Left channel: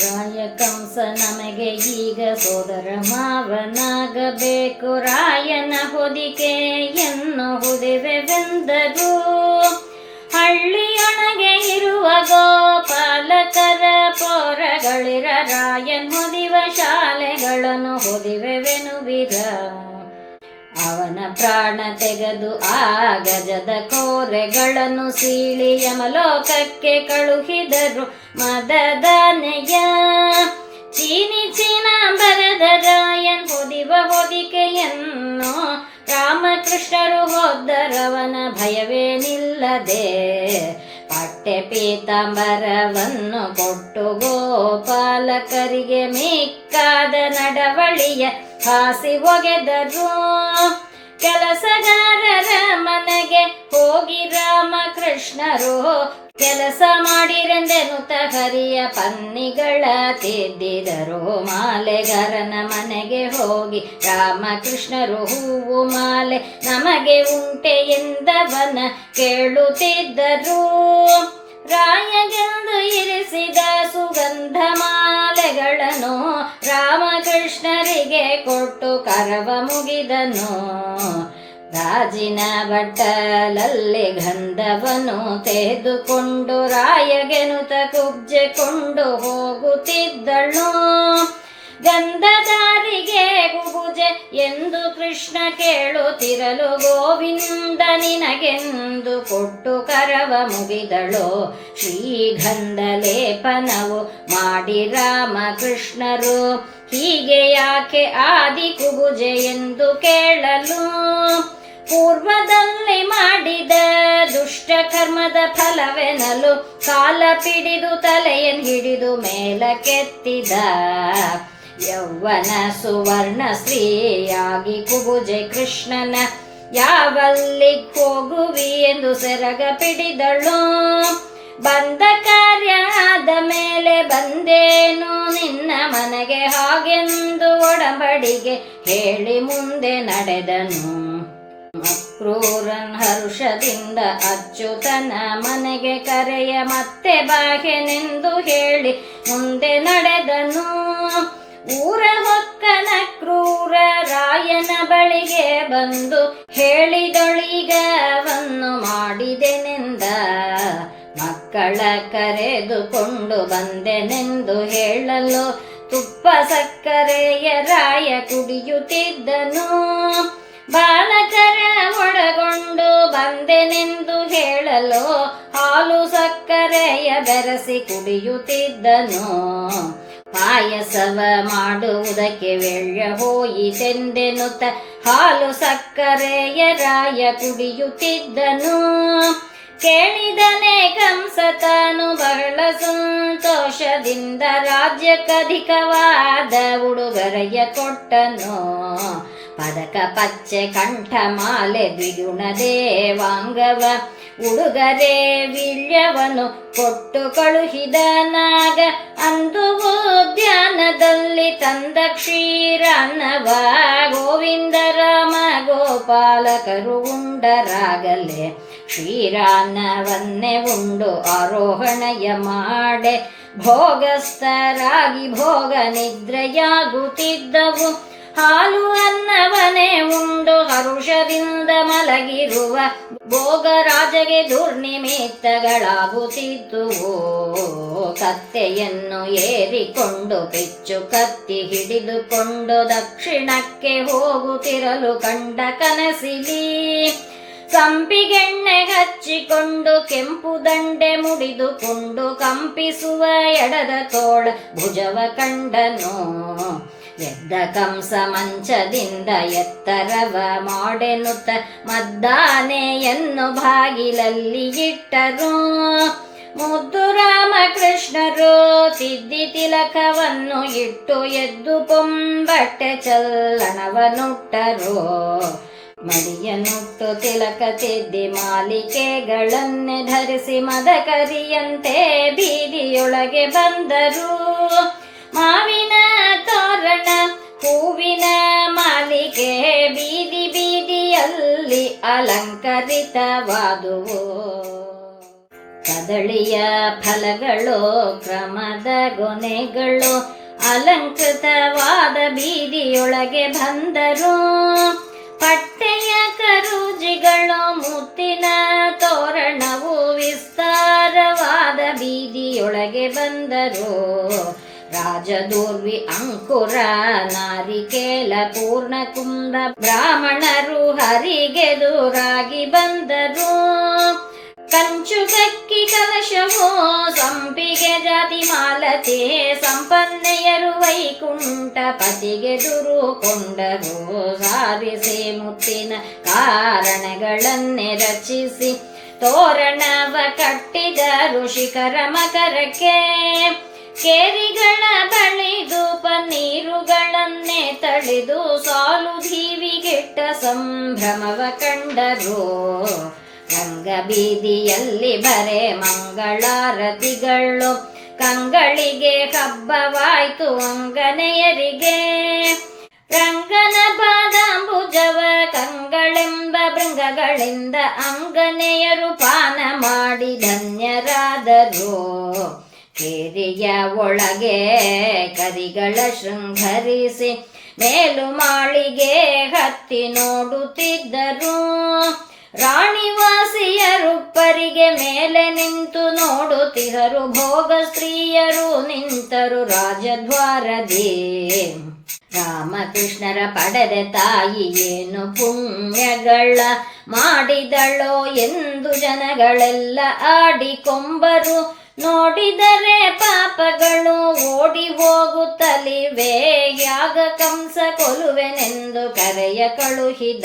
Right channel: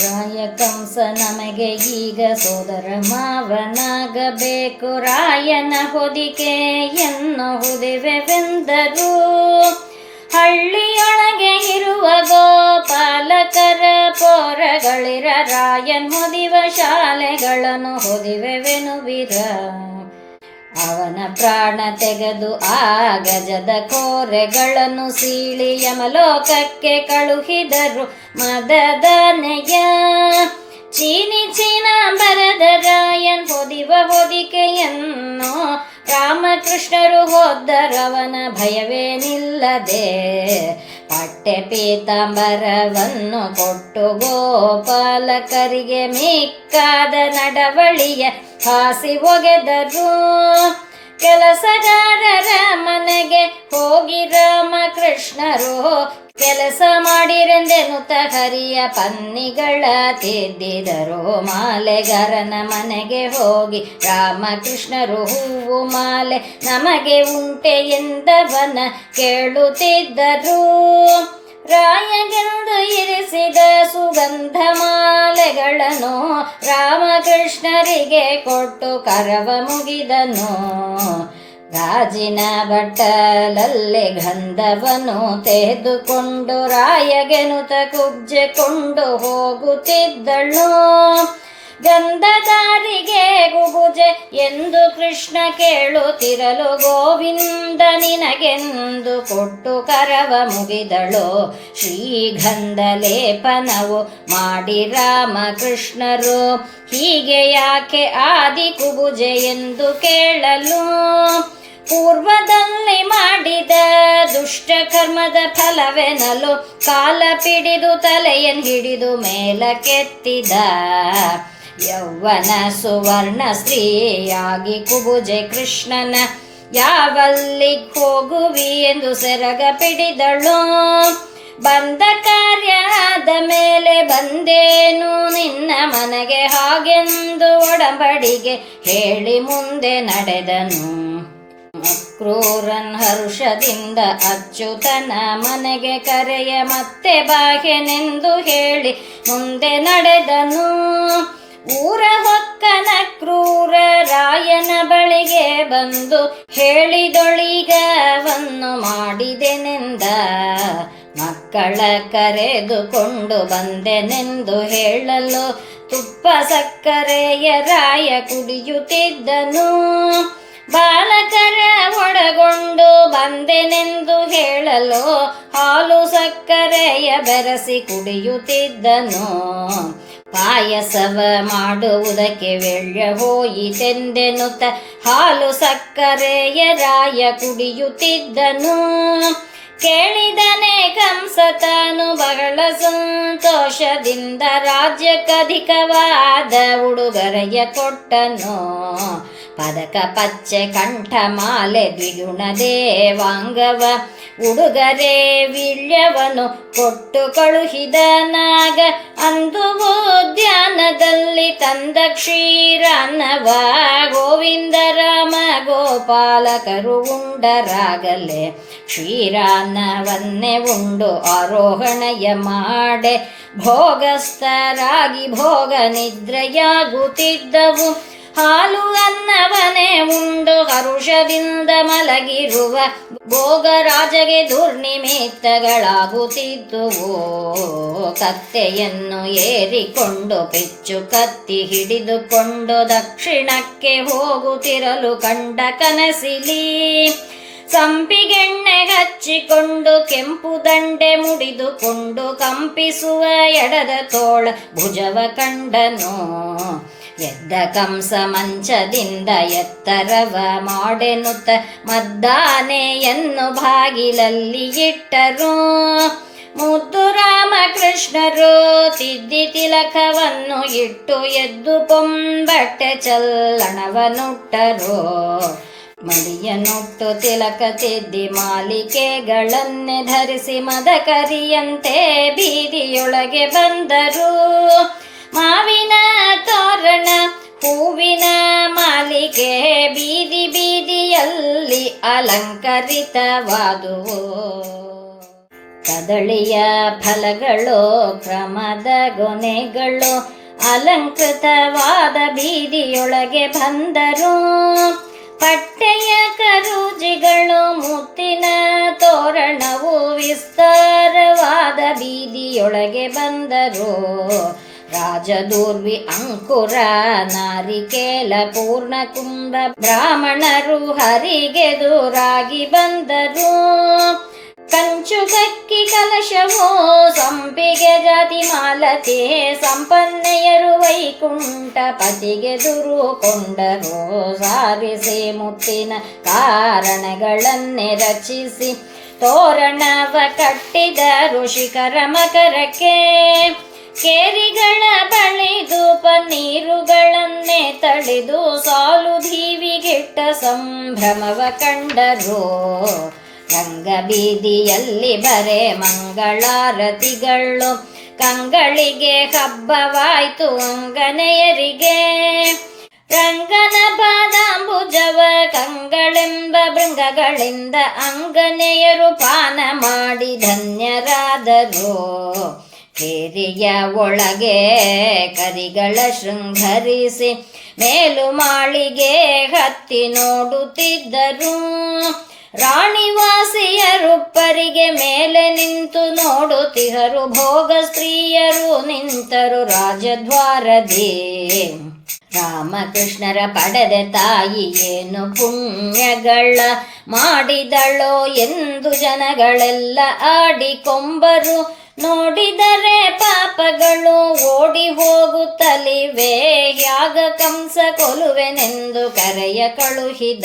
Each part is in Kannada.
ರಾಯ ಕಂಸ ನಮಗೆ ಈಗ ಸೋದರ ಮಾವನಾಗಬೇಕು, ರಾಯನ ಹೊದಿಕೆ ಎನ್ನುವುದಿವೆವೆಂದರು. ಹಳ್ಳಿಯೊಳಗೆ ಇರುವ ಗೋಪಾಲಕರ ಪೋರಗಳಿರ, ರಾಯನ್ ಹೊದಿವ ಶಾಲೆಗಳನ್ನು ಹೊದಿವೆವೆನುವಿರ. ಅವನ ಪ್ರಾಣ ತೆಗೆದು ಆ ಗಜದ ಕೋರೆಗಳನ್ನು ಸೀಳಿ ಯಮಲೋಕಕ್ಕೆ ಕಳುಹಿದರು ಮದದನೆಯ. ಚೀನಿ ಚೀನಾಂಬರದ ರಾಯನ್ ಹೊದಿವ ಹೊದಿಕೆಯನ್ನು ರಾಮಕೃಷ್ಣರು ಹೋದರವನ ಭಯವೇನಿಲ್ಲದೆ. ಪಟ್ಟೆ ಪೀತಾಂಬರವನ್ನು ಕೊಟ್ಟು ಗೋಪಾಲಕರಿಗೆ ಮಿಕ್ಕಾದ ನಡವಳಿಯ ಹಾಸಿ ಒಗೆದರು. ಕೆಲಸಗಾರರ ಮನೆಗೆ ಹೋಗಿ ರಾಮಕೃಷ್ಣರು ಕೆಲಸ ಮಾಡಿರೆಂದೆನುತ ಹರಿಯ ಪನ್ನಿಗಳ ತಿದ್ದಿದರು. ಮಾಲೆಗಾರನ ಮನೆಗೆ ಹೋಗಿ ರಾಮಕೃಷ್ಣರು ಹೂವು ಮಾಲೆ ನಮಗೆ ಉಂಟೆ ಎಂದವನ ಕೇಳುತ್ತಿದ್ದರು. ರಾಯಗೆಂದು ಇರಿಸಿದ ಸುಗಂಧ ಮಾಲೆಗಳನ್ನು ರಾಮಕೃಷ್ಣರಿಗೆ ಕೊಟ್ಟು ಕರವ ಮುಗಿದನು. ಗಾಜಿನ ಬಟ್ಟಲಲ್ಲಿ ಗಂಧವನ್ನು ತೆಗೆದುಕೊಂಡು ರಾಯಗೆನುತ ಕುಬ್ಜೆಕೊಂಡು ಹೋಗುತ್ತಿದ್ದಳು. ಗಂಧದಾರಿಗೆ ಗುಬುಜೆ ಎಂದು ಕೃಷ್ಣ ಕೇಳುತ್ತಿರಲು ಗೋವಿಂದ ನಿನಗೆಂದು ಕೊಟ್ಟು ಕರವ ಮುಗಿದಳು. ಶ್ರೀಗಂಧ ಲೇಪನವು ಮಾಡಿ ರಾಮಕೃಷ್ಣರು ಹೀಗೆ ಯಾಕೆ ಆದಿ ಕುಬುಜೆ ಎಂದು ಕೇಳಲು. ಪೂರ್ವದಲ್ಲಿ ಮಾಡಿದ ದುಷ್ಟ ಕರ್ಮದ ಫಲವೆನಲು ಕಾಲ ಪಿಡಿದು ತಲೆಯನ್ನು ಹಿಡಿದು ಮೇಲಕ್ಕೆತ್ತಿದ. ಯೌವನ ಸುವರ್ಣ ಸ್ತ್ರೀಯಾಗಿ ಕುಬುಜೆ ಕೃಷ್ಣನ ಯಾವಲ್ಲಿ ಹೋಗುವಿ ಎಂದು ಸೆರಗ ಪಿಡಿದಳು. ಬಂದ ಕಾರ್ಯ ಆದ ಮೇಲೆ ಬಂದೇನು ನಿನ್ನ ಮನೆಗೆ ಹಾಗೆಂದು ಒಡಂಬಡಿಗೆ ಹೇಳಿ ಮುಂದೆ ನಡೆದನು. ಕ್ರೂರನ್ ಹರುಷದಿಂದ ಅಚ್ಯುತನ ಮನೆಗೆ ಕರೆಯ ಮತ್ತೆ ಬಾಹ್ಯನೆಂದು ಹೇಳಿ ಮುಂದೆ ನಡೆದನು. ಊರ ಹೊಕ್ಕನ ಕ್ರೂರ ರಾಯನ ಬಳಿಗೆ ಬಂದು ಹೇಳಿದೊಳಿಗವನ್ನು ಮಾಡಿದೆನೆಂದ. ಮಕ್ಕಳ ಕರೆದುಕೊಂಡು ಬಂದೆನೆಂದು ಹೇಳಲು ತುಪ್ಪ ಸಕ್ಕರೆಯ ರಾಯ ಕುಡಿಯುತ್ತಿದ್ದನು. ಬಾಲಕರ ಒಳಗೊಂಡು ಬಂದೆನೆಂದು ಹೇಳಲು ಹಾಲು ಸಕ್ಕರೆಯ ಬೆರೆಸಿ ಕುಡಿಯುತ್ತಿದ್ದನು. ಪಾಯಸವ ಮಾಡುವುದಕ್ಕೆ ವೆಳ್ಳ ಹೋಯಿತೆಂದೆನುತ ಹಾಲು ಸಕ್ಕರೆಯ ರಾಯ ಕುಡಿಯುತ್ತಿದ್ದನು. ಕೇಳಿದನೆ ಕಂಸ ತಾನು ಬಹಳ ಸಂತೋಷದಿಂದ ರಾಜ್ಯಕ್ಕಧಿಕವಾದ ಉಡುಗೊರೆಯ ಕೊಟ್ಟನು. ಪದಕ ಪಚ್ಚೆ ಕಂಠ ಮಾಲೆ ದ್ವಿಗುಣ ದೇವಾಂಗವ ಉಡುಗೊರೆ ವಿಳ್ಯವನು ಕೊಟ್ಟು ಕಳುಹಿದನಾಗ. ಅಂದು ಉದ್ಯಾನದಲ್ಲಿ ತಂದ ಕ್ಷೀರಾನ್ನವ ಗೋವಿಂದ ರಾಮ ಗೋಪಾಲಕರು ಉಂಡರಾಗಲೇ. ಕ್ಷೀರಾನ್ನವನ್ನೇ ಉಂಡು ಆರೋಹಣೆಯ ಮಾಡೆ ಭೋಗಸ್ಥರಾಗಿ ಭೋಗ ನಿದ್ರೆಯಾಗುತ್ತಿದ್ದವು. ಹಾಲು ಅನ್ನವನೇ ಉಂಡು ಹರುಷದಿಂದ ಮಲಗಿರುವ ಭೋಗರಾಜಗೆ ದುರ್ನಿಮಿತ್ತಗಳಾಗುತ್ತಿದ್ದುವು. ಕತ್ತೆಯನ್ನು ಏರಿಕೊಂಡು ಪಿಚ್ಚು ಕತ್ತಿ ಹಿಡಿದುಕೊಂಡು ದಕ್ಷಿಣಕ್ಕೆ ಹೋಗುತ್ತಿರಲು ಕಂಡ ಕನಸಿಲಿ. ಸಂಪಿಗೆಣ್ಣೆ ಹಚ್ಚಿಕೊಂಡು ಕೆಂಪು ದಂಡೆ ಮುಡಿದುಕೊಂಡು ಕಂಪಿಸುವ ಎಡದ ತೋಳ ಭುಜವ ಕಂಡನು. ಎದ್ದ ಕಂಸ ಮಂಚದಿಂದ ಎತ್ತರವ ಮಾಡೆನುತ್ತ ಮದ್ದಾನೆಯನ್ನು ಬಾಗಿಲಲ್ಲಿ ಇಟ್ಟರು. ಮುದ್ದು ರಾಮಕೃಷ್ಣರು ತಿದ್ದಿ ತಿಲಕವನ್ನು ಇಟ್ಟು ಎದ್ದು ಪೊಂಬಟ್ಟೆ ಚಲ್ಲಣವನ್ನುಟ್ಟರು. ಮಡಿಯನ್ನುಟ್ಟು ತಿಲಕ ತಿದ್ದಿ ಮಾಲಿಕೆಗಳನ್ನೇ ಧರಿಸಿ ಮದಕರಿಯಂತೆ ಬೀದಿಯೊಳಗೆ ಬಂದರು. ಮಾವಿನ ತೋರಣ ಹೂವಿನ ಮಾಲಿಕೆ ಬೀದಿ ಬೀದಿಯಲ್ಲಿ ಅಲಂಕರಿತವಾದುವು. ಕದಳಿಯ ಫಲಗಳು ಕ್ರಮದ ಗೊನೆಗಳು ಅಲಂಕೃತವಾದ ಬೀದಿಯೊಳಗೆ ಬಂದರು. ಪಟ್ಟೆಯ ಕರುಜಿಗಳು ಮುತ್ತಿನ ತೋರಣವು ವಿಸ್ತಾರವಾದ ಬೀದಿಯೊಳಗೆ ಬಂದರು. ರಾಜದೂರ್ವಿ ಅಂಕುರ ನಾರಿಕೇಲ ಪೂರ್ಣಕುಂಭ ಬ್ರಾಹ್ಮಣರು ಹರಿಗೆದುರಾಗಿ ಬಂದರು. ಕಂಚುಗಕ್ಕಿ ಕಲಶವೋ ಸಂಪಿಗೆ ಜಾತಿ ಮಾಲತೆ ಸಂಪನ್ನೆಯರು ವೈಕುಂಠ ಪತಿಗೆದುರುಕೊಂಡರು. ಸಾರಿಸಿ ಮುತ್ತಿನ ಕಾರಣಗಳನ್ನೇ ರಚಿಸಿ ತೋರಣವ ಕಟ್ಟಿದರು ಶಿಖರ ಮಕರಕ್ಕೆ. ಕೇರಿಗಳ ಬಳಿದು ಪನ್ನೀರುಗಳನ್ನೇ ತಳಿದು ಸಾಲು ದೀವಿಗಿಟ್ಟ ಸಂಭ್ರಮವ ಕಂಡರು. ರಂಗಬೀದಿಯಲ್ಲಿ ಬರೆ ಮಂಗಳಾರತಿಗಳು ಕಂಗಳಿಗೆ ಹಬ್ಬವಾಯ್ತು ಅಂಗನೆಯರಿಗೆ. ರಂಗನ ಪಾದಾಂಬುಜವ ಕಂಗಳೆಂಬ ಭೃಂಗಗಳಿಂದ ಅಂಗನೆಯರು ಪಾನ ಮಾಡಿ ಧನ್ಯರಾದರು. ಕೇರಿಯ ಒಳಗೆ ಕರಿಗಳ ಶೃಂಗರಿಸಿ ಮೇಲು ಮಾಳಿಗೆ ಹತ್ತಿ ನೋಡುತ್ತಿದ್ದರು. ರಾಣಿವಾಸಿಯರುಪ್ಪರಿಗೆ ಮೇಲೆ ನಿಂತು ನೋಡುತ್ತಿಹರು. ಭೋಗ ಸ್ತ್ರೀಯರು ನಿಂತರು ರಾಜದ್ವಾರದೇ. ರಾಮಕೃಷ್ಣರ ಪಡೆದ ತಾಯಿ ಏನು ಪುಣ್ಯಗಳ ಮಾಡಿದಳೋ ಎಂದು ಜನಗಳೆಲ್ಲ ಆಡಿಕೊಂಬರು. ನೋಡಿದರೆ ಪಾಪಗಳು ಓಡಿ ಹೋಗುತ್ತಲಿವೆ. ಯಾಗ ಕಂಸ ಕೊಲುವೆನೆಂದು ಕರೆಯ ಕಳುಹಿದ.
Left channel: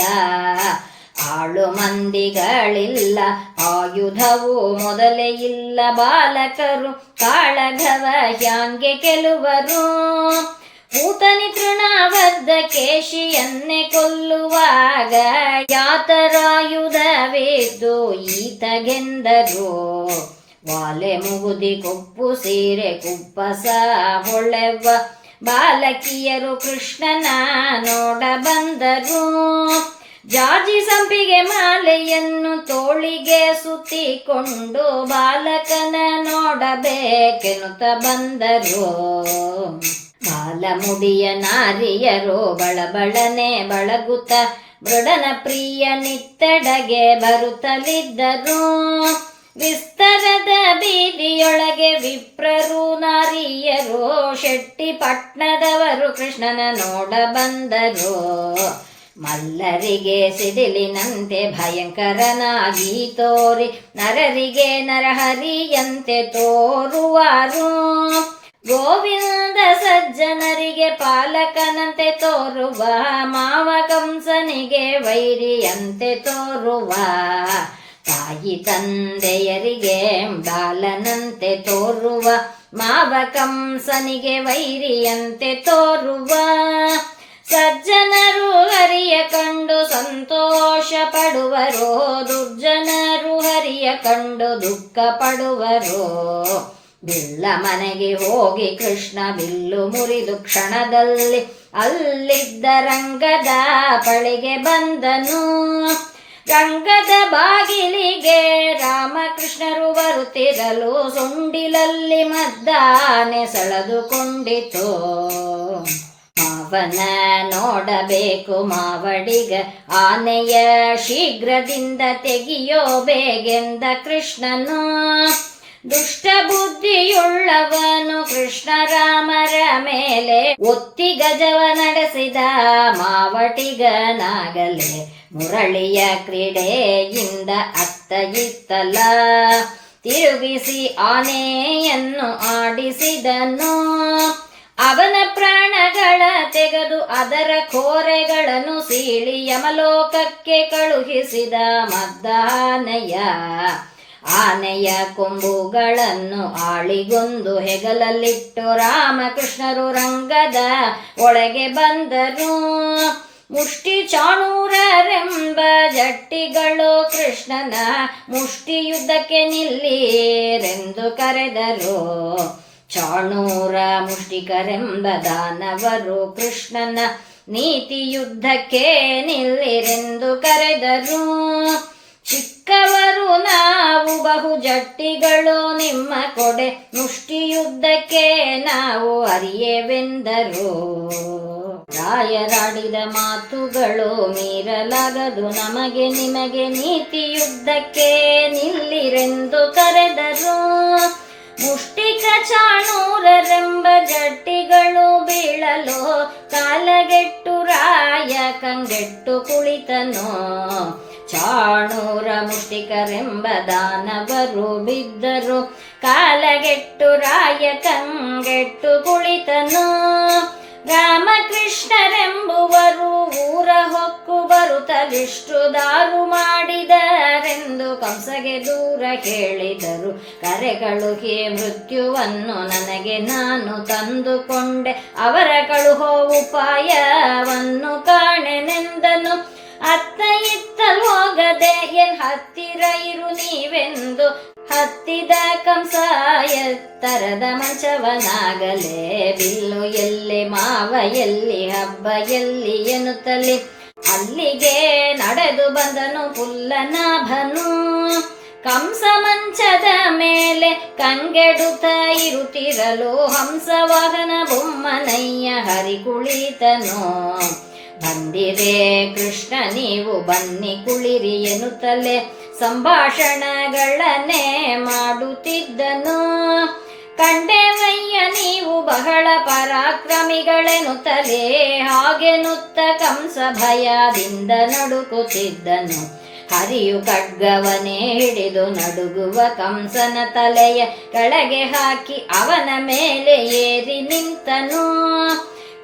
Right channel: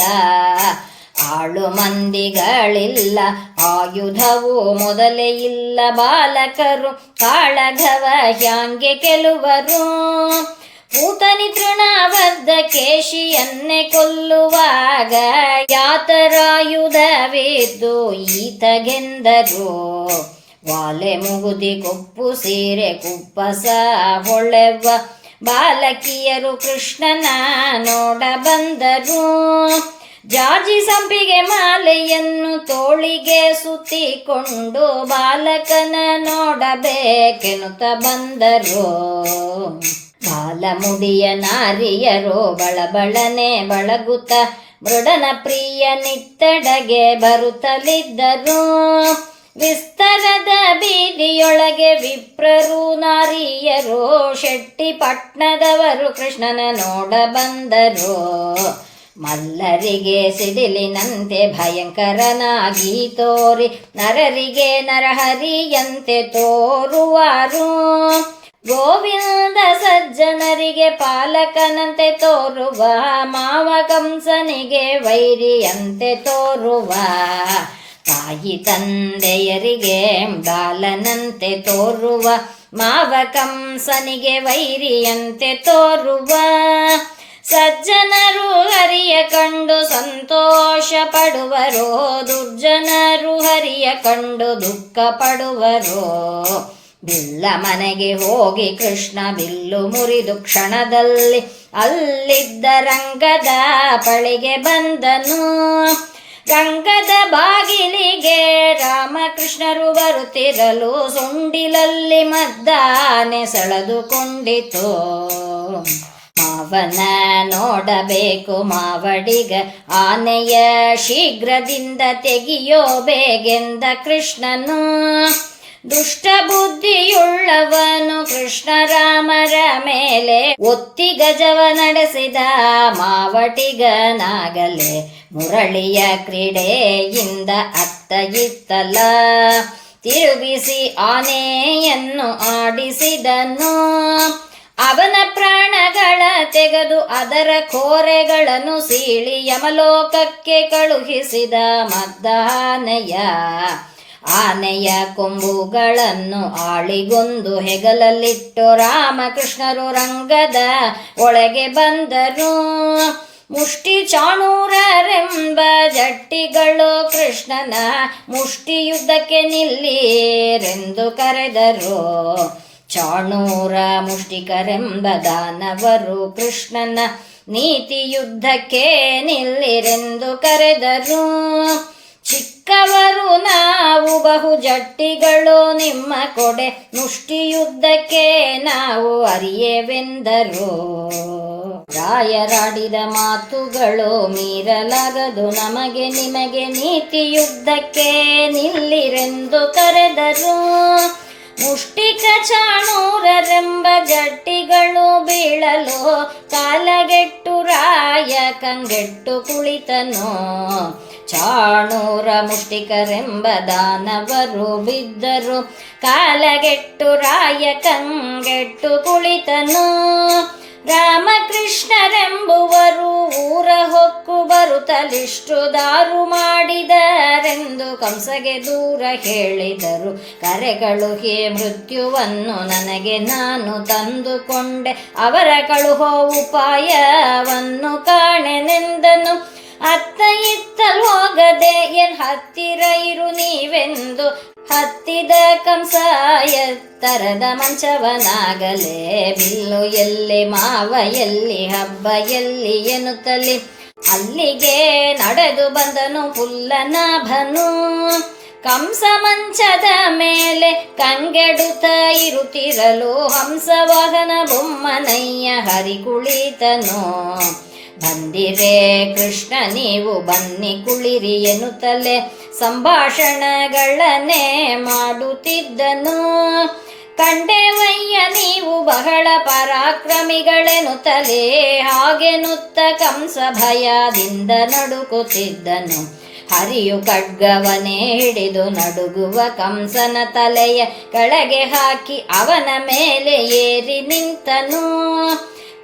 ಆಳು ಮಂದಿಗಳಿಲ್ಲ ಆಯುಧವು ಮೊದಲೇ ಇಲ್ಲ. ಬಾಲಕರು ಕಾಳಗವ ಹ್ಯಾಂಗೆ ಕೆಲವರು. ಪೂತನಿ ತೃಣಬದ್ಧ ಕೇಶಿಯನ್ನೇ ಕೊಲ್ಲುವಾಗ ಯಾತರಾಯುಧವಿದ್ದು ಈತಗೆಂದರು. ವಾಲೆ ಮುಗುದಿ ಕೊಪ್ಪು ಸೀರೆ ಕುಪ್ಪಸ ಹೊಳೆವ ಬಾಲಕಿಯರು ಕೃಷ್ಣನ ನೋಡ ಬಂದರು. ಜಾಜಿ ಸಂಪಿಗೆ ಮಾಲೆಯನ್ನು ತೋಳಿಗೆ ಸುತ್ತಿಕೊಂಡು ಬಾಲಕನ ನೋಡಬೇಕೆನುತ ಬಂದರು. ಬಾಲಮುಡಿಯ ನಾರಿಯರು ಬಳಬಳನೆ ಬಳಗುತ್ತ ಮೃಡನ ಪ್ರಿಯ ನಿತ್ತೆಡೆಗೆ ಬರುತ್ತಲಿದ್ದರು. ವಿಸ್ತರದ ಬೀದಿಯೊಳಗೆ ವಿಪ್ರರು ನಾರಿಯರು ಶೆಟ್ಟಿ ಪಟ್ನದವರು ಕೃಷ್ಣನ ನೋಡ ಬಂದರು. ಮಲ್ಲರಿಗೆ ಸಿಡಿಲಿನಂತೆ ಭಯಂಕರನಾಗಿ ತೋರಿ ನರರಿಗೆ ನರಹರಿಯಂತೆ ತೋರುವರು. ಗೋವಿಂದ ಸಜ್ಜನರಿಗೆ ಪಾಲಕನಂತೆ ತೋರುವ ಮಾವ ಕಂಸನಿಗೆ ವೈರಿಯಂತೆ ತೋರುವ. ತಾಯಿ ತಂದೆಯರಿಗೆ ಬಾಲನಂತೆ ತೋರುವ ಮಾವ ಕಂಸನಿಗೆ ವೈರಿಯಂತೆ ತೋರುವ. ಸಜ್ಜನರು ಹರಿಯ ಕಂಡು ಸಂತೋಷ ಪಡುವರೋ, ದುರ್ಜನರು ಹರಿಯ ಕಂಡು ದುಃಖ ಪಡುವರೋ. ಬಿಲ್ಲ ಮನೆಗೆ ಹೋಗಿ ಕೃಷ್ಣ ಬಿಲ್ಲು ಮುರಿದು ಕ್ಷಣದಲ್ಲಿ ಅಲ್ಲಿದ್ದ ರಂಗದ ಬಳಿಗೆ ಬಂದನು. ರಂಗದ ಬಾಗಿಲಿಗೆ ರಾಮಕೃಷ್ಣರು ಬರುತ್ತಿರಲು ಸೊಂಡಿಲಲ್ಲಿ ಮದ್ದಾನೆ ಸೆಳೆದುಕೊಂಡಿತು. ಮಾವನ ನೋಡಬೇಕು ಮಾವಡಿಗ ಆನೆಯ ಶೀಘ್ರದಿಂದ ತೆಗೆಯೋ ಬೇಗೆಂದ ಕೃಷ್ಣನು. ದುಷ್ಟ ಬುದ್ಧಿಯುಳ್ಳವನು ಕೃಷ್ಣರಾಮರ ಮೇಲೆ ಒತ್ತಿ ಗಜವ ನಡೆಸಿದ ಮಾವಟಿಗನಾಗಲೇ ಮುರಳಿಯ ಕ್ರೀಡೆಯಿಂದ ಅತ್ತ ಇತ್ತಲ ತಿರುಗಿಸಿ ಆನೆಯನ್ನು ಆಡಿಸಿದನು. ಅವನ ಪ್ರಾಣಗಳ ತೆಗೆದು ಅದರ ಕೋರೆಗಳನ್ನು ಸೀಳಿ ಯಮಲೋಕಕ್ಕೆ ಕಳುಹಿಸಿದ ಮದ್ದಾನೆಯ. ಆನೆಯ ಕೊಂಬುಗಳನ್ನು ಆಳಿಗೊಂದು ಹೆಗಲಲ್ಲಿಟ್ಟು ರಾಮಕೃಷ್ಣರು ರಂಗದ ಒಳಗೆ ಬಂದರು. ಮುಷ್ಟಿ ಚಾಣೂರರೆಂಬ ಜಟ್ಟಿಗಳು ಕೃಷ್ಣನ ಮುಷ್ಟಿಯುದ್ಧಕ್ಕೆ ನಿಲ್ಲಿರೆಂದು ಕರೆದರು. ಚಾಣೂರ ಮುಷ್ಟಿಕರೆಂಬ ದಾನವರು ಕೃಷ್ಣನ ನೀತಿ ಯುದ್ಧಕ್ಕೆ ನಿಲ್ಲಿರೆಂದು ಕರೆದರು. ಚಿಕ್ಕವರು ನಾವು ಬಹು ಜಟ್ಟಿಗಳು ನಿಮ್ಮ ಕೊಡೆ ಮುಷ್ಟಿಯುದ್ಧಕ್ಕೆ ನಾವು ಅರಿಯೆವೆಂದರು. ರಾಯರಾಡಿದ ಮಾತುಗಳು ಮೀರಲಾಗದು ನಮಗೆ ನಿಮಗೆ, ನೀತಿಯುದ್ಧಕ್ಕೆ ನಿಲ್ಲಿರೆಂದು ಕರೆದರು. ಮುಷ್ಟಿಕ ಚಾಣೂರರೆಂಬ ಜಟ್ಟಿಗಳು ಬೀಳಲು ಕಾಲಗೆಟ್ಟು ರಾಯ ಕಂಗೆಟ್ಟು ಕುಳಿತನು. ಚಾಣೂರ ಮುಷ್ಟಿಕರೆಂಬ ದಾನವರು ಬಿದ್ದರು, ಕಾಲಗೆಟ್ಟು ರಾಯ ಕಂಗೆಟ್ಟು ಕುಳಿತನು. ರಾಮಕೃಷ್ಣರೆಂಬುವರು ಊರ ಹೊಕ್ಕು ಬರುತ್ತಲಿಷ್ಟು ದಾರು ಮಾಡಿದರೆಂದು ಕಂಸಗೆ ದೂರ ಹೇಳಿದರು. ಕರೆಗಳು ಹೇ ಮೃತ್ಯುವನ್ನು ನನಗೆ ನಾನು ತಂದುಕೊಂಡೆ, ಅವರ ಕಳುಹೋ ಉಪಾಯವನ್ನು ಕಾಣೆನೆಂದನು. ಅತ್ತ ಇತ್ತಲ್ ಹೋಗದೆ ಎನ್ ಹತ್ತಿರ ಇರು ನೀವೆಂದು ಹತ್ತಿದ ಕಂಸ ಎತ್ತರದ ಮಂಚವನಾಗಲೇ. ಬಿಲ್ಲು ಎಲ್ಲಿ ಮಾವ ಎಲ್ಲಿ ಹಬ್ಬ ಎಲ್ಲಿ ಎನ್ನುತ್ತಲಿ ಅಲ್ಲಿಗೆ ನಡೆದು ಬಂದನು ಪುಲ್ಲನಾಭನು. ಕಂಸ ಮಂಚದ ಮೇಲೆ ಕಂಗೆಡುತ್ತ ಇರುತ್ತಿರಲು ಹಂಸವಾಹನ ಬೊಮ್ಮನಯ್ಯ ಹರಿ ಕುಳಿತನು. ಬಂದಿರೆ ಕೃಷ್ಣ ನೀವು ಬನ್ನಿ ಕುಳಿರಿ ಎನ್ನುತ್ತಲೇ ಸಂಭಾಷಣಗಳನ್ನೇ ಮಾಡುತ್ತಿದ್ದನು. ಕಂಡೆವಯ್ಯ ನೀವು ಬಹಳ ಪರಾಕ್ರಮಿಗಳೆನ್ನುತ್ತಲೇ ಹಾಗೆನ್ನುತ್ತ ಕಂಸ ಭಯದಿಂದ ನಡುಕುತ್ತಿದ್ದನು. ಹರಿಯು ಖಡ್ಗವನೇ ಹಿಡಿದು ನಡುಗುವ ಕಂಸನ ತಲೆಯ ಕೆಳಗೆ ಹಾಕಿ ಅವನ ಮೇಲೆ ಏರಿ ನಿಂತನು.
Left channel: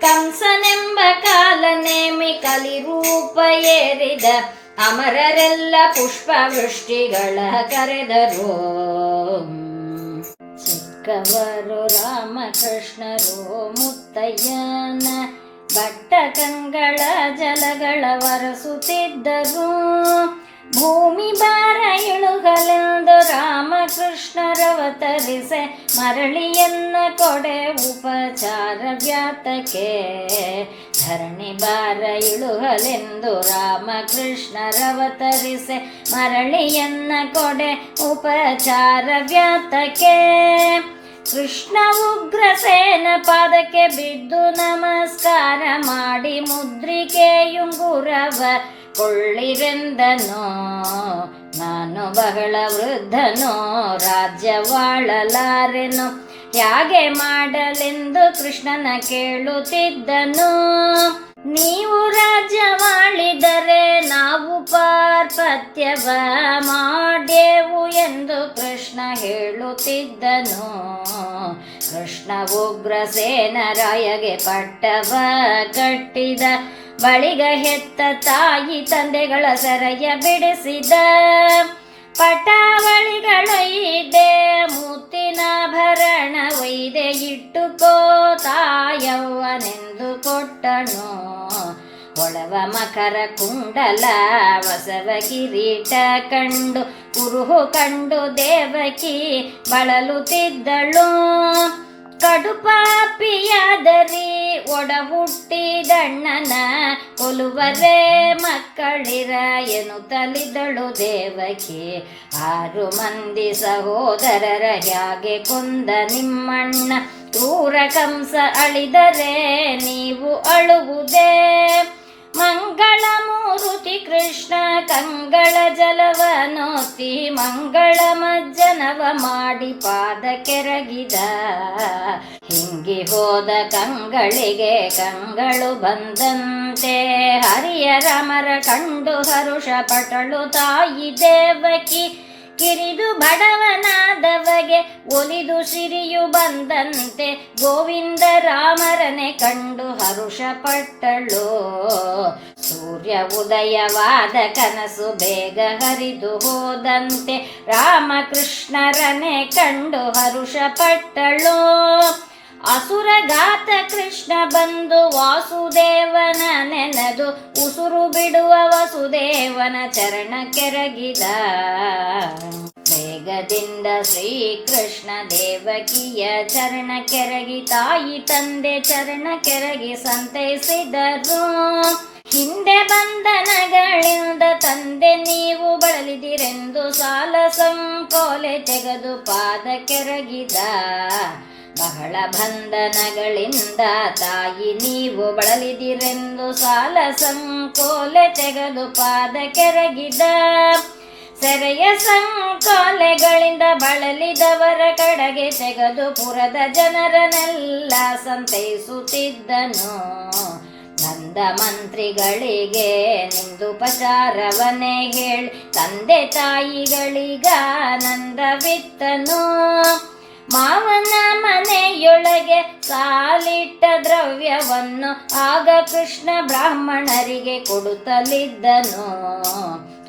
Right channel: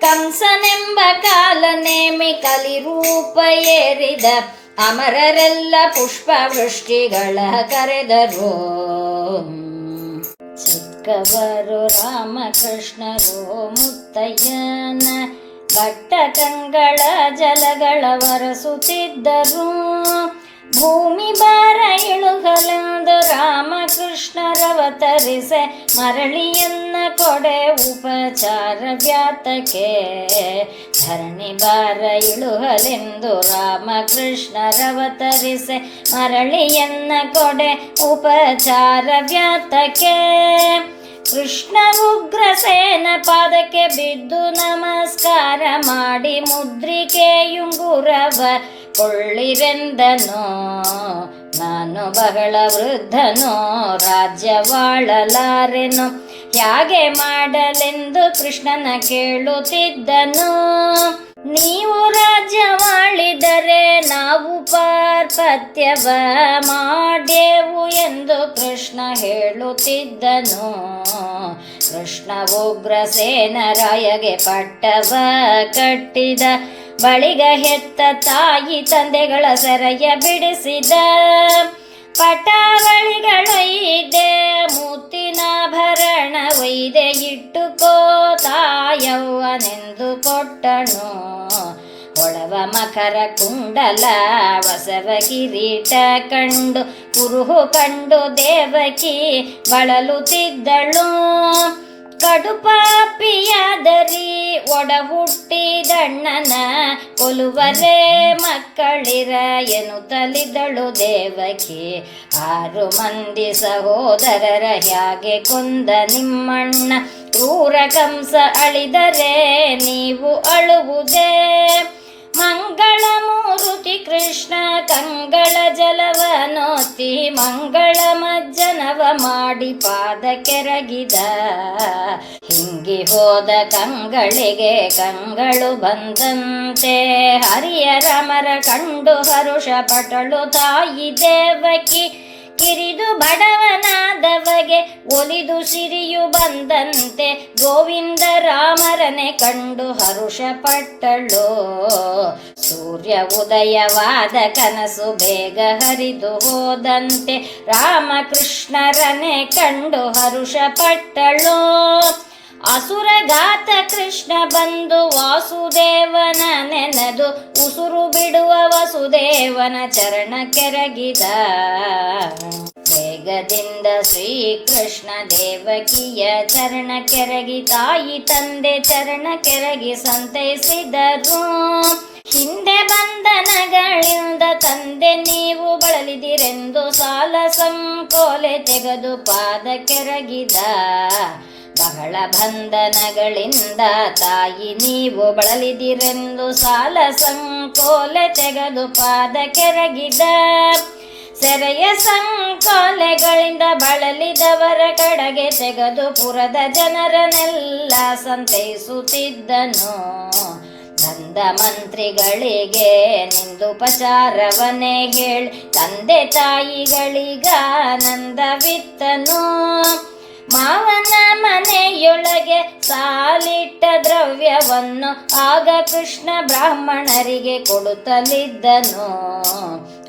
ಕಂಸನೆಂಬ ಕಾಲನೇಮಿ ಕಲಿರೂಪ ಏರಿದ ಅಮರರೆಲ್ಲ ಪುಷ್ಪ ವೃಷ್ಟಿಗಳ ಕರೆದರು. ಚಿಕ್ಕವರು ರಾಮಕೃಷ್ಣರು ಮುತ್ತಯ್ಯನ ಘಟ್ಟಕಂಗಳ ಜಲಗಳ ವರಸುತ್ತಿದ್ದರು. ಭೂಮಿ ಭಾರ ಇಳುಗಲೆಂದು ರಾಮಕೃಷ್ಣರವತರಿಸೆ ಮರಳಿಯನ್ನ ಕೊಡೆ ಉಪಚಾರ ವ್ಯಾತಕ್ಕೆ. ಧರಣಿ ಭಾರ ಇಳುಗಲೆಂದು ರಾಮಕೃಷ್ಣರವತರಿಸೆ ಮರಳಿಯನ್ನ ಕೊಡೆ ಉಪಚಾರ ವ್ಯಾತಕ್ಕೆ. ಕೃಷ್ಣ ಉಗ್ರಸೇನ ಪಾದಕ್ಕೆ ಬಿದ್ದು ನಮಸ್ಕಾರ ಮಾಡಿ ಮುದ್ರಿಕೆಯುಂಗುರವ ಕೊಳ್ಳಿರೆಂದನು. ನಾನು ಬಹಳ ವೃದ್ಧನೋ ರಾಜ್ಯವಾಳಲಾರೆನು ಹೇಗೆ ಮಾಡಲೆಂದು ಕೃಷ್ಣನ ಕೇಳುತ್ತಿದ್ದನು. ನೀವು ರಾಜ್ಯವಾಳಿದರೆ ನಾವು ಪಾರ್ಪತ್ಯವ ಮಾಡ್ಯೆವು ಎಂದು ಕೃಷ್ಣ ಹೇಳುತ್ತಿದ್ದನು. ಕೃಷ್ಣ ಉಗ್ರಸೇನರಾಯಗೆ ಪಟ್ಟವ ಕಟ್ಟಿದ ಬಳಿಗ ಹೆತ್ತ ತಾಯಿ ತಂದೆಗಳ ಸೆರೆಯ ಬಿಡಿಸಿದ. ಪಟಾವಳಿಗಳೊಯ್ದೆ ಮುತ್ತಿನಾಭರಣ ಒಯ್ದೆ ಇಟ್ಟುಕೋ ತಾಯವ್ವನೆಂದು ಕೊಟ್ಟನು. ಹೊಳವ ಮಕರ ಕುಂಡಲ ವಸವ ಕಿರೀಟ ಕಂಡು ಕುರುಹು ಕಂಡು ದೇವಕಿ ಬಳಲುತ್ತಿದ್ದಳು. ಕಡುಪಾಪಿಯಾದರಿ ಒಡ ಹುಟ್ಟಿದಣ್ಣನ ಕೊಲುವರೇ ಮಕ್ಕಳಿರ ಎನ್ನುತ್ತಲಿದ್ದಳು ದೇವಕಿ. 6 ಮಂದಿ ಸಹೋದರರ ಹೇಗೆ ಕೊಂದ ನಿಮ್ಮಣ್ಣ, ಕ್ರೂರ ಕಂಸ ಅಳಿದರೆ ನೀವು ಅಳುವುದೇ. ಮಂಗಳ ಮೂರುತಿ ಕೃಷ್ಣ ಕಂಗಳ ಜಲವನೋತಿ ಮಂಗಳ ಮಜ್ಜನವ ಮಾಡಿ ಪಾದ ಕೆರಗಿದ. ಹಿಂಗಿ ಹೋದ ಕಂಗಳಿಗೆ ಕಂಗಳು ಬಂದಂತೆ ಹರಿಯ ರಮರ ಕಂಡು ಹರುಷ ಪಟಳು ತಾಯಿ ದೇವಕಿ. ಕಿರಿದು ಬಡವನಾದವಗೆ ಒಲಿದು ಸಿರಿಯು ಬಂದಂತೆ ಗೋವಿಂದ ರಾಮರನೆ ಕಂಡು ಹರುಷ ಪಟ್ಟಳು. ಸೂರ್ಯ ಉದಯವಾದ ಕನಸು ಬೇಗ ಹರಿದು ಹೋದಂತೆ ರಾಮಕೃಷ್ಣರನೆ ಕಂಡು ಹರುಷ ಪಟ್ಟಳು. ಅಸುರಘಾತ ಕೃಷ್ಣ ಬಂದು ವಾಸುದೇವನ ನೆನೆದು ಉಸುರು ಬಿಡುವ ವಸುದೇವನ ಚರಣ ಕೆರಗಿದ. ಬೇಗ ಬೇಗದಿಂದ ಶ್ರೀಕೃಷ್ಣ ದೇವಕಿಯ ಚರಣ ಕೆರಗಿ ತಾಯಿ ತಂದೆ ಚರಣ ಕೆರಗಿ ಸಂತೈಸಿದರು. ಹಿಂದೆ ಬಂಧನಗಳಿಂದ ತಂದೆ ನೀವು ಬಳಲಿದಿರೆಂದು ಸಾಲ ಸಂಕೋಲೆ ತೆಗೆದು ಪಾದ ಕೆರಗಿದ. ಬಹಳ ಬಂಧನಗಳಿಂದ ತಾಯಿ ನೀವು ಬಳಲಿದಿರೆಂದು ಸಾಲ ಸಂಕೋಲೆ ತೆಗೆದು ಪಾದ ಕೆರಗಿದ. ಸೆರೆಯ ಸಂಕೋಲೆಗಳಿಂದ ಬಳಲಿದವರ ಕಡೆಗೆ ತೆಗೆದು ಪುರದ ಜನರನ್ನೆಲ್ಲ ಸಂತೈಸುತ್ತಿದ್ದನು. ಬಂದ ಮಂತ್ರಿಗಳಿಗೆ ನಿಂದುಪಚಾರವನ್ನೇ ಹೇಳಿ ತಂದೆ ತಾಯಿಗಳಿಗಾನಂದವಿತ್ತನು. ಮಾವನ ಮನೆಯೊಳಗೆ ಸಾಲಿಟ್ಟ ದ್ರವ್ಯವನ್ನು ಆಗ ಕೃಷ್ಣ ಬ್ರಾಹ್ಮಣರಿಗೆ ಕೊಡುತ್ತಲಿದ್ದನು.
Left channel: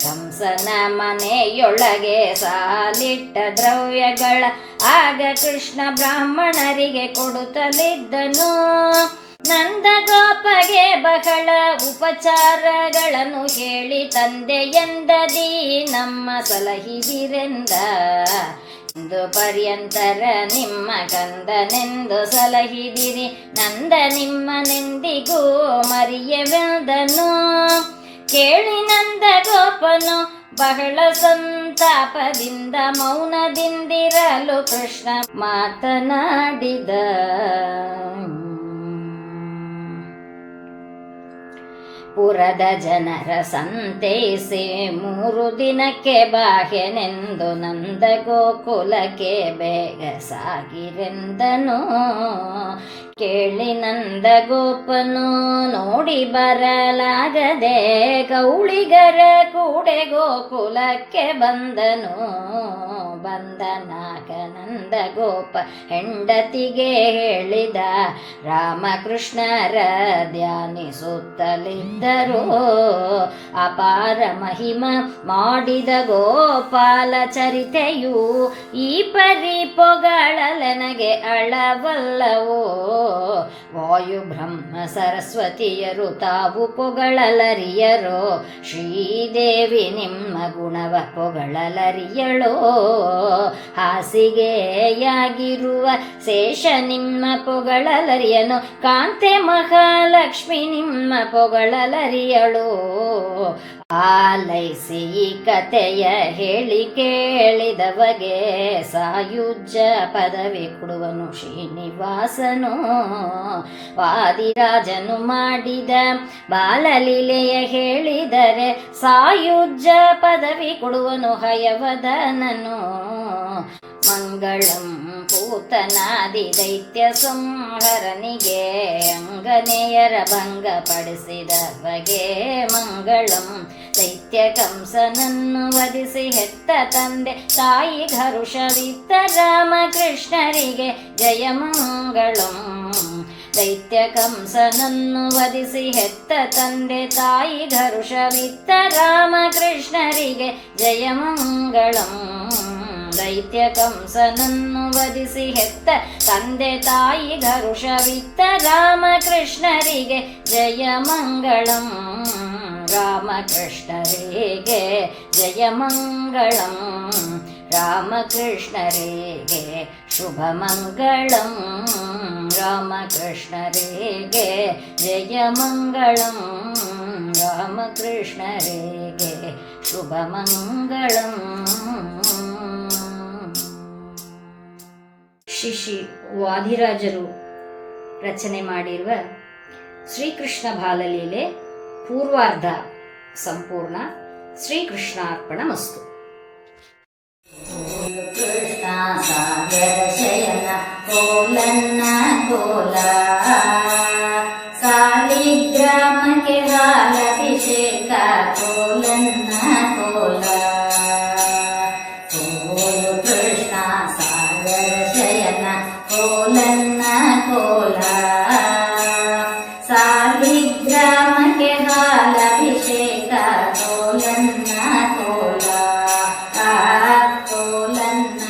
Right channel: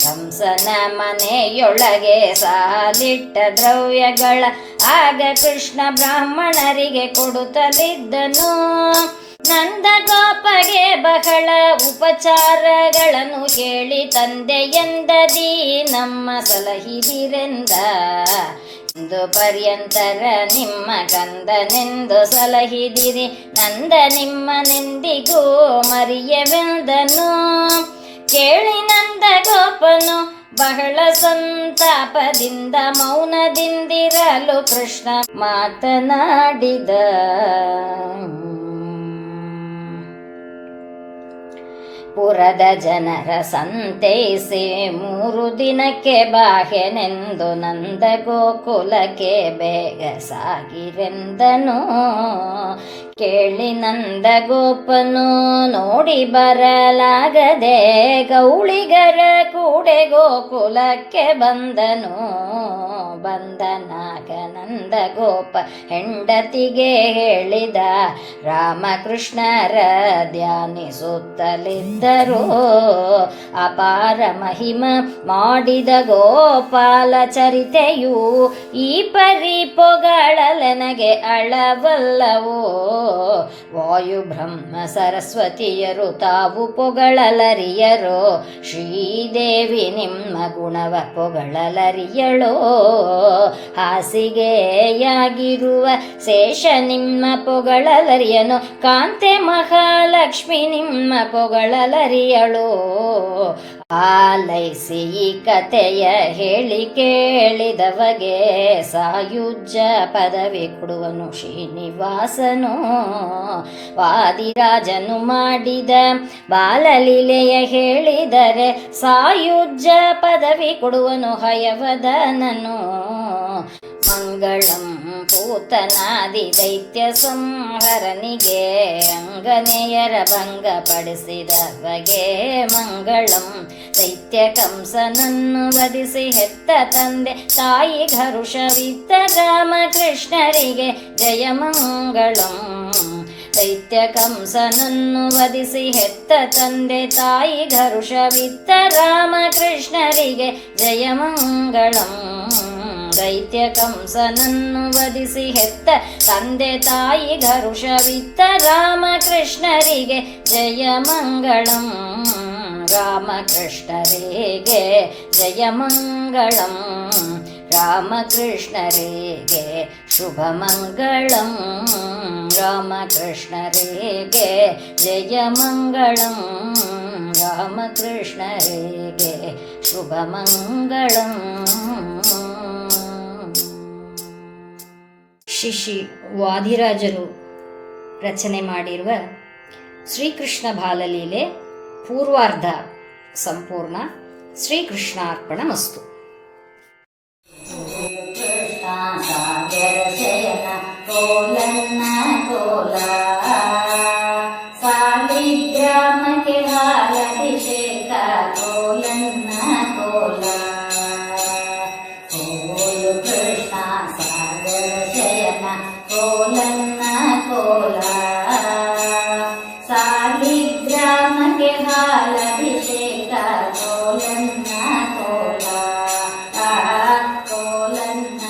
ಕಂಸನ ಮನೆಯೊಳಗೆ ಸಾಲಿಟ್ಟ ದ್ರವ್ಯಗಳ ಆಗ ಕೃಷ್ಣ ಬ್ರಾಹ್ಮಣರಿಗೆ ಕೊಡುತ್ತಲಿದ್ದನು. ನಂದಗೋಪಗೆ ಬಹಳ ಉಪಚಾರಗಳನ್ನು ಹೇಳಿ ತಂದೆಯೆಂದದಿ ನಮ್ಮ ಸಲಹಿದಿರೆಂದ. ಇಂದು ಪರ್ಯಂತರ ನಿಮ್ಮ ಕಂದನೆಂದು ಸಲಹಿದಿರಿ ನಂದ ನಿಮ್ಮನೆಂದಿಗೂ ಮರೆಯವೆಂದನು. ಕೇಳಿ ನಂದ ಗೋಪನು ಬಹಳ ಸಂತಾಪದಿಂದ ಮೌನದಿಂದಿರಲು ಕೃಷ್ಣ ಮಾತನಾಡಿದ. ಪುರದ ಜನರ ಸಂತೈಸಿ 3 ದಿನಕ್ಕೆ ಬಾಹ್ಯನೆಂದು ನಂದ ಗೋಕುಲಕ್ಕೆ ಬೇಗ ಸಾಗಿರೆಂದನು. ಕೇಳಿ ನಂದ ಗೋಪನು ನೋಡಿ ಬರಲಾಗದೆ ಗೌಳಿಗರ ಕೂಡೆ ಗೋಕುಲಕ್ಕೆ ಬಂದನು. ಬಂದನಾಗ ನಂದ ಗೋಪ ಹೆಂಡತಿಗೆ ಹೇಳಿದ. ರಾಮಕೃಷ್ಣರ ಧ್ಯಾನಿಸುತ್ತಲಿದ್ದರು. ಅಪಾರ ಮಹಿಮ ಮಾಡಿದ ಗೋಪಾಲ ಚರಿತೆಯು ಈ ಪರಿ ಪೊಗಳಲನಗೆ ಅಳವಲ್ಲವೋ. ವಾಯು ಬ್ರಹ್ಮ ಸರಸ್ವತಿಯರು ತಾವು ಪೊಗಳಲರಿಯರೋ. ಶ್ರೀದೇವಿ ನಿಮ್ಮ ಗುಣವ ಪೊಗಳಲರಿಯಳೋ. ಹಾಸಿಗೆಯಾಗಿರುವ ಶೇಷ ನಿಮ್ಮ ಪೊಗಳಲರಿಯನು. ಕಾಂತೆ ಮಹಾಲಕ್ಷ್ಮಿ ನಿಮ್ಮ ಪೊಗಳಲರಿಯಳೋ. ಆಲೈಸಿ ಈ ಕಥೆಯ ಹೇಳಿ ಕೇಳಿದವಗೆ ಸಾಯುಜ್ಯ ಪದವಿ ಕೊಡುವನು ಶ್ರೀನಿವಾಸನು. ವಾದಿರಾಜನು ಮಾಡಿದ ಬಾಲಲೀಲೆಯ ಹೇಳಿದರೆ ಸಾಯುಜ್ಯ ಪದವಿ ಕೊಡುವನು ಹಯವದನನು. ಮಂಗಳಂ ಪೂತನಾದಿ ದೈತ್ಯ ಸಂಹರನಿಗೆ ಅಂಗನೆಯರ ಭಂಗಪಡಿಸಿದವಗೆ ಮಂಗಳಂ. ದೈತ್ಯ ಕಂಸನನ್ನು ವಧಿಸಿ ಹೆತ್ತ ತಂದೆ ತಾಯಿ ಹರುಷವಿತ್ತ ರಾಮಕೃಷ್ಣರಿಗೆ ಜಯ ಮಂಗಳಂ. ದೈತ್ಯ ಕಂಸನನ್ನು ವಧಿಸಿ ಹೆತ್ತ ತಂದೆ ತಾಯಿ ಹರುಷವಿತ್ತ ರಾಮಕೃಷ್ಣರಿಗೆ ಜಯ ಮಂಗಳಂ. ದೈತ್ಯ ಕಂಸನನ್ನು ವಧಿಸಿ ಹೆತ್ತ ತಂದೆ ತಾಯಿ ಹರುಷವಿತ್ತ ರಾಮಕೃಷ್ಣರಿಗೆ ಜಯ ಮಂಗಳಂ. ರಾಮಕೃಷ್ಣರಿಗೆ ಜಯ ಮಂಗಳಂ. ರಾಮಕೃಷ್ಣರಿಗೆ ಶುಭ ಮಂಗಳಂ. ರಾಮಕೃಷ್ಣರಿಗೆ ಜಯ ಮಂಗಳಂ. ರಾಮಕೃಷ್ಣರಿಗೆ ಶುಭ ಮಂಗಳಂ. ಶ್ರೀ ವಾದಿರಾಜರು ರಚನೆ ಮಾಡಿರುವ ಶ್ರೀಕೃಷ್ಣ ಬಾಲಲೀಲೆ ಪೂರ್ವಾರ್ಧ ಸಂಪೂರ್ಣ. ಶ್ರೀಕೃಷ್ಣಾರ್ಪಣಮಸ್ತು. ಕೃಷ್ಣ ಸಾಗರ ಶಯನ ಕೋಲನ್ನ ಕೋಲ. ಸಾಲಿಗ್ರಾಮಕ್ಕೆ ಹಾಲಭಿಷೇಕ ಕೋಲನ್ನ ಕೋಲ. ಕೋಲು ಕೃಷ್ಣ ಸಾಗರ ಶಯನ ಕೋಲನ್ನ ಕೋಲ. ಸಾಲಿಗ್ರಾಮಕ್ಕೆ ಹಾಲಭಿಷೇಕ ಕೋಲನ್ನ ಕೋಲ. ಕೋಲನ್ನ